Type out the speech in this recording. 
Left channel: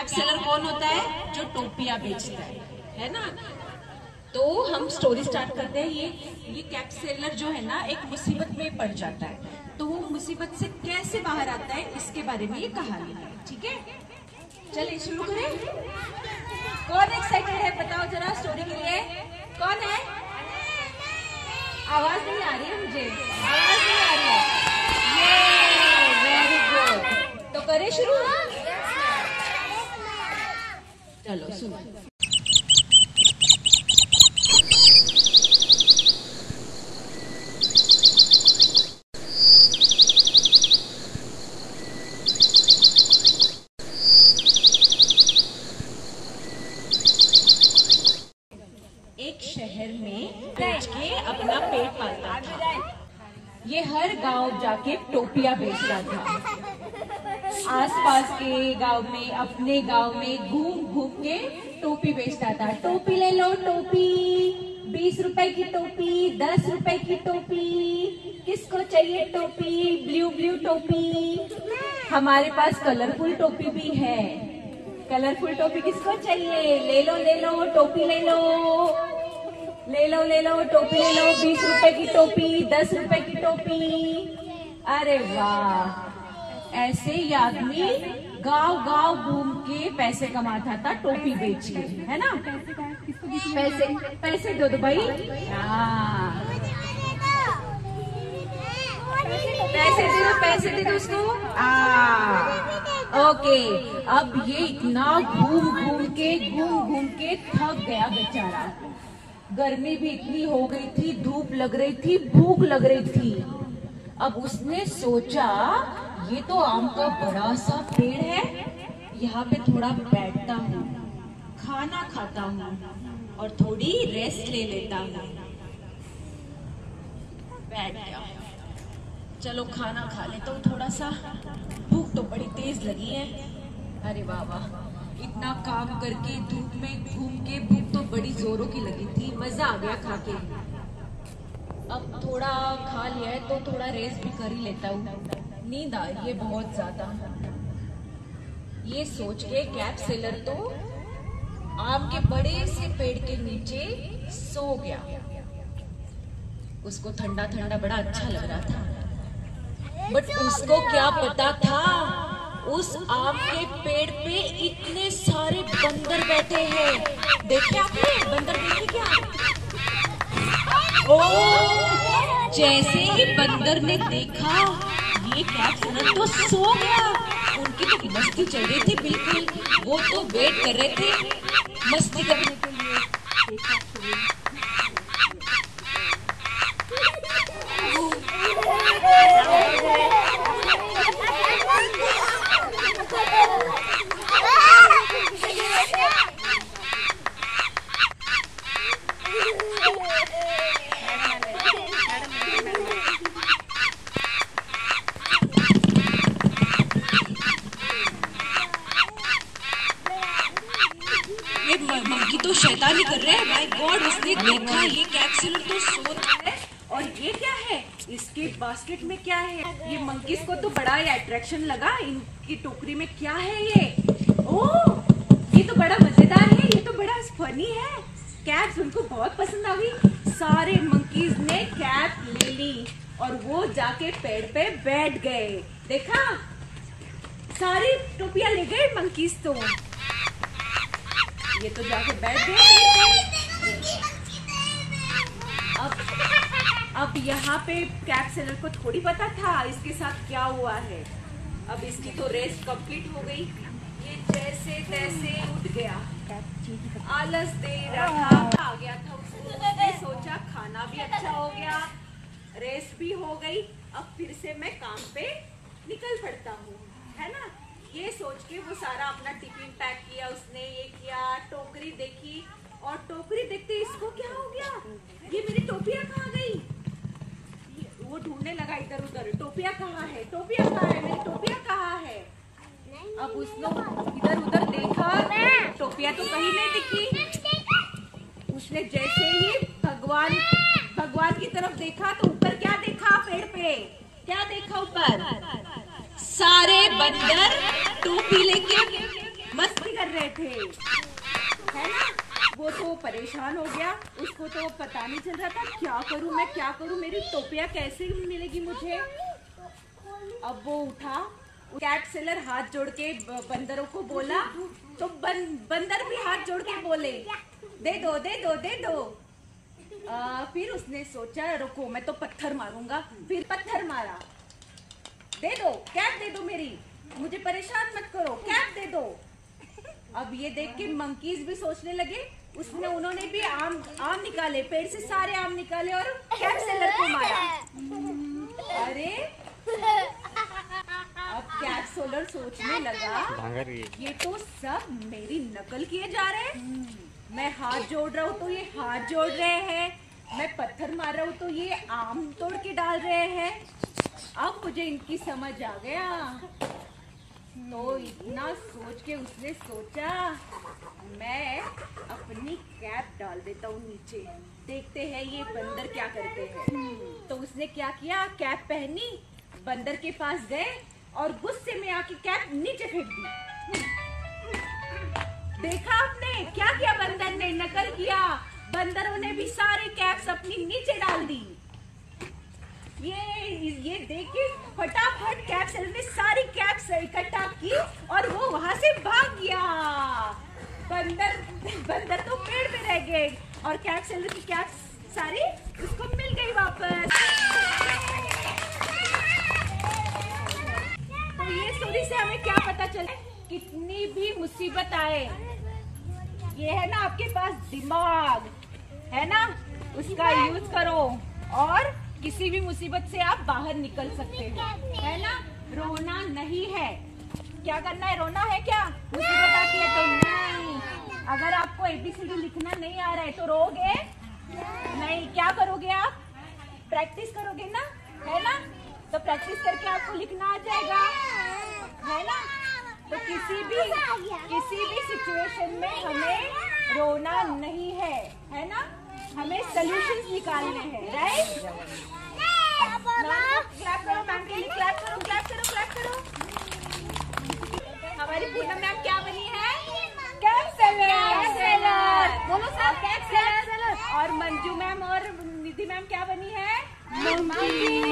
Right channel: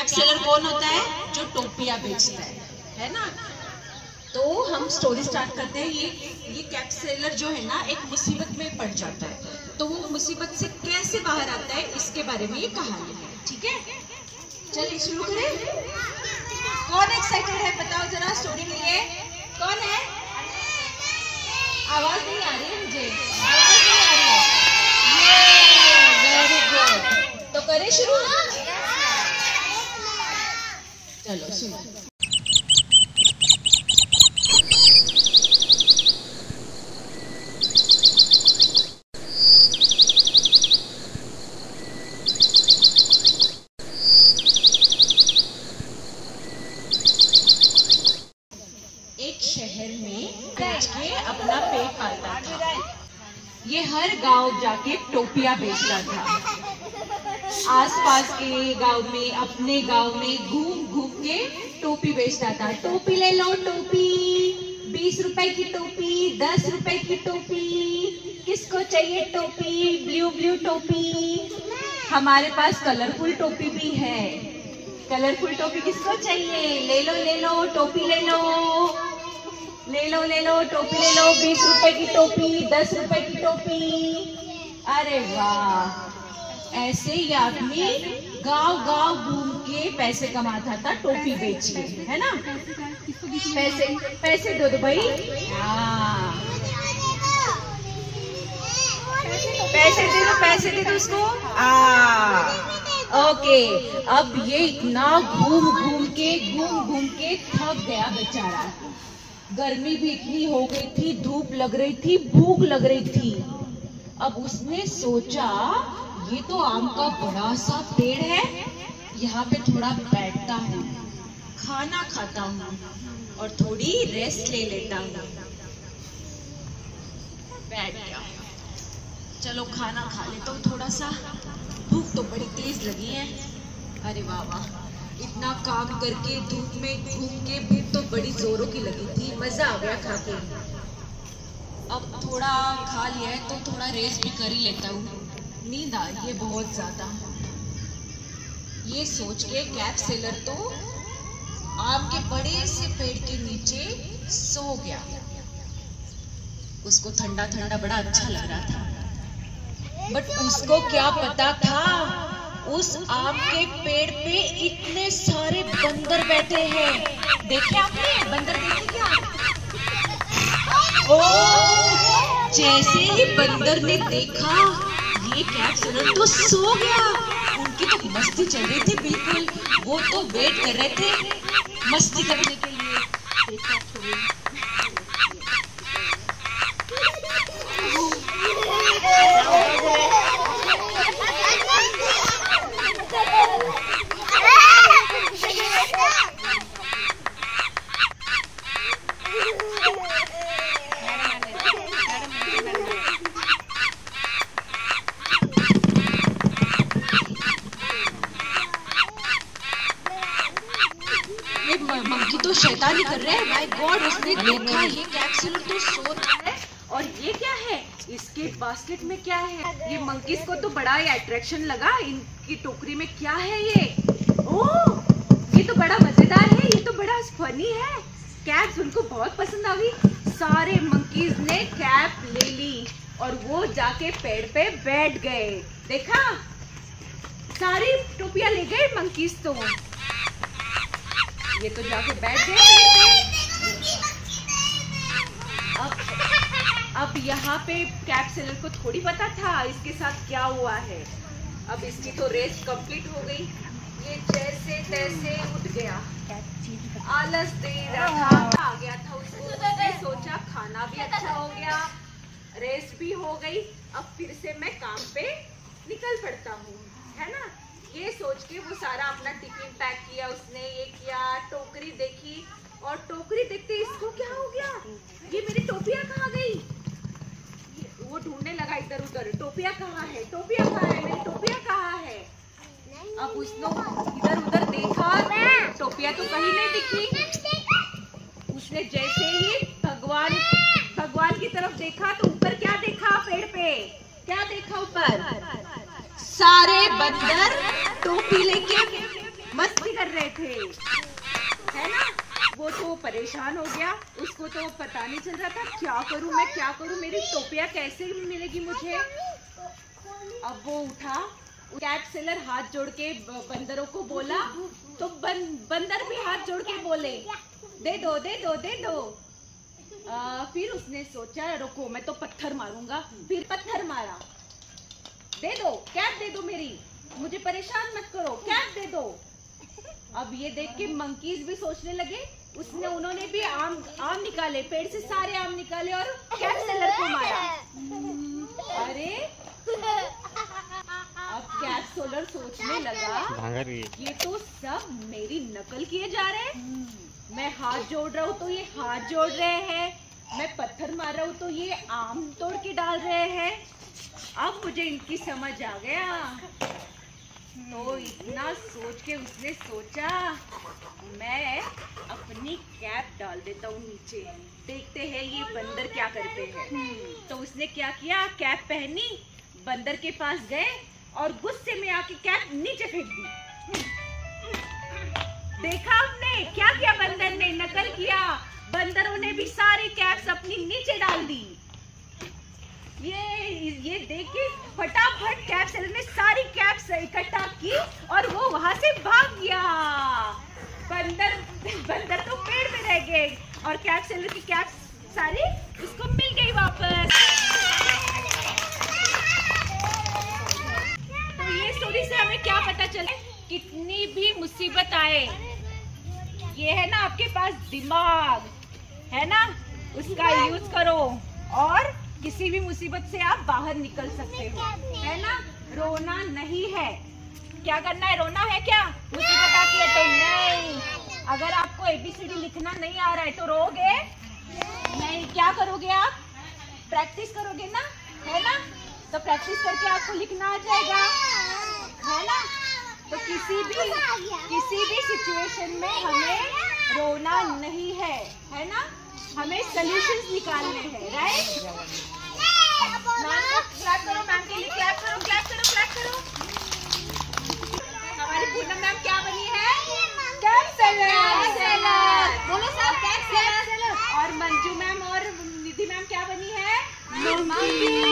Cap seller कौन होता है? जो टोपियां बेचता है ना। तो हम स्टोरी स्टार्ट करते हैं। ये कैप सेलर जो है ना, एक मुसीबत में पड़ जाता है, तो वो मुसीबत से कैसे बाहर आता है इसके बारे में ये कहानी है। ठीक है, चलिए शुरू करें। कौन एक्साइटेड है बताओ जरा स्टोरी के लिए? कौन है? आवाज नहीं आ रही है, मुझे आवाज नहीं आ रही है। वेरी गुड, तो करें शुरू ना। चलो सुनो। एक शहर में बेच के अपना पेट पालता था। ये हर गांव जाके टोपियां बेचता था। आसपास के गांव में, अपने गांव में घूम घूम के टोपी बेचता था। टोपी ले लो, टोपी 20 रुपए की टोपी, 10 रुपए की टोपी, किसको चाहिए टोपी? ब्लू ब्लू टोपी। हमारे पास कलरफुल टोपी भी है। कलरफुल टोपी किसको चाहिए? ले लो ले लो, टोपी ले लो, ले लो ले लो, टोपी ले लो। 20 रुपए की टोपी, 10 रुपए की टोपी। अरे वाह, ऐसे ही आदमी गांव गांव घूम के पैसे कमाता था टोपी बेच के, है ना। पैसे पैसे दो भाई। हाँ, पैसे दे दो उसको। ओके, अब ये इतना घूम घूम के थक गया बेचारा। गर्मी भी इतनी हो गई थी, धूप लग रही थी, भूख लग रही थी। अब उसने सोचा ये तो आम का बड़ा सा पेड़ है, यहाँ पे थोड़ा बैठता हूँ, खाना खाता हूँ और थोड़ी रेस्ट ले लेता हूँ। बैठ गया, चलो खाना खा लेता हूँ थोड़ा सा, भूख तो बड़ी तेज लगी है। अरे वाह वाह, इतना काम करके धूप में घूम के भूख तो बड़ी जोरों की लगी थी, मजा आ गया खा के। अब थोड़ा खा लिया है तो थोड़ा रेस्ट भी कर ही लेता हूँ, नींद आ रही है बहुत ज्यादा। ये सोच के कैप सेलर तो आम के बड़े से पेड़ के नीचे सो गया। उसको ठंडा ठंडा बड़ा अच्छा लग रहा था, बट उसको क्या पता था उस आम के पेड़ पे इतने सारे बंदर बैठे हैं। देखे आपने बंदर? देखे क्या? ओ, जैसे ही बंदर ने देखा ये कैप सेलर तो सो गया। उनकी तो मस्ती चल रही थी बिल्कुल, वो तो वेट कर रहे थे मस्ती करने के लिए। मंकी तो शैतानी कर रहे हैं। माय गॉड, उसने देखा ये कैप सेलर तो सो रहा है और ये क्या है इसके बास्केट में? क्या है ये? मंकीज को तो बड़ा ही अट्रैक्शन लगा इनकी टोकरी में। क्या है ये? ओह, ये तो बड़ा मजेदार है, ये तो बड़ा फनी है। कैप्स उनको बहुत पसंद आ गई। सारे मंकीज ने कैप ले ली और वो जाके पेड़ पे बैठ गए। देखा, सारी टोपियां ले गए मंकीज तो। ये तो जाके बैठ गए। अब यहाँ पे कैप सेलर को थोड़ी पता था इसके साथ क्या हुआ है। अब इसकी तो रेस्ट कंप्लीट हो गई। ये जैसे तैसे उठ गया, आलस दे रहा आ गया था उसको। उसने सोचा खाना भी अच्छा हो गया, रेस्ट भी हो गई, अब फिर से मैं काम पे निकल पड़ता हूँ, है ना। ये सोच के वो सारा अपना टिफिन पैक किया उसने, ये किया, टोकरी देखी और टोकरी देखते इसको क्या हो गया, ये मेरी टोपियां कहाँ गई? वो ढूंढने लगा इधर उधर, टोपियां कहाँ है, टोपियां कहाँ है, मेरी टोपियां कहाँ है। अब उसने इधर उधर देखा, टोपियां तो कहीं नहीं दिखी। उसने जैसे ही भगवान की तरफ देखा तो ऊपर क्या देखा? पेड़ पे क्या देखा? ऊपर सारे बंदर टोपी लेके मस्ती थे, है ना। वो तो परेशान हो गया, उसको तो पता नहीं चल रहा था क्या करूं मैं, क्या करूं, मेरी टोपिया कैसे मिलेगी मुझे। अब वो उठा, कैट सेलर हाथ जोड़ के बंदरों को बोला, तो बंदर भी हाथ जोड़ के बोले दे दो दे दो दे दो। फिर उसने सोचा रुको मैं तो पत्थर मारूंगा, फिर पत्थर मारा, दे दो कैप दे दो मेरी, मुझे परेशान मत करो, कैप दे दो। अब ये देख के मंकीज भी सोचने लगे, उन्होंने भी आम निकाले, पेड़ से सारे आम निकाले और कैट सेलर को मारा। अरे अब कैट सेलर सोचने लगा ये तो सब मेरी नकल किए जा रहे हैं, मैं हाथ जोड़ रहा हूँ तो ये हाथ जोड़ रहे हैं, मैं पत्थर मार रहा हूँ तो ये आम तोड़ के डाल रहे हैं। अब मुझे इनकी समझ आ गया। तो इतना सोच के उसने सोचा मैं अपनी कैप डाल देता हूँ नीचे, देखते हैं ये बंदर क्या करते हैं। तो उसने क्या किया, कैप पहनी, बंदर के पास गए और गुस्से में आके कैप नीचे फेंक दी। देखा आपने क्या किया, बंदर ने नकल किया, बंदरों ने भी सारी कैप्स अपनी नीचे डाल दी। ये देख के फटाफट कैप सेलर ने सारी कैप्स इकट्ठा की और वो वहां से भाग गया। बंदर तो पेड़ पे रह गए और कैप सेलर की कैप्स सारी उसको मिल गई वापस। तो ये स्टोरी से हमें क्या पता चले, कितनी भी मुसीबत आए, ये है ना आपके पास दिमाग है ना, उसका यूज करो और किसी भी मुसीबत से आप बाहर निकल सकते हो, है ना। रोना नहीं है, क्या करना है, रोना है क्या, मुसीबत आती है तो नहीं। अगर आपको ABCD लिखना नहीं आ रहा है तो रोगे नहीं, क्या करोगे आप, प्रैक्टिस करोगे ना, है ना। तो प्रैक्टिस करके आपको लिखना आ जाएगा, है ना। तो किसी भी सिचुएशन में हमें रोना नहीं है ना, हमें सॉल्यूशंस निकालने हैं, राइट। क्लैप करो मैम के लिए, क्लैप करो क्लैप करो क्लैप करो। हमारी पूनम मैम क्या बनी है, कैप सेलर, बोलो सब कैप सेलर। और मंजू मैम और निधि मैम क्या बनी है, मंकी।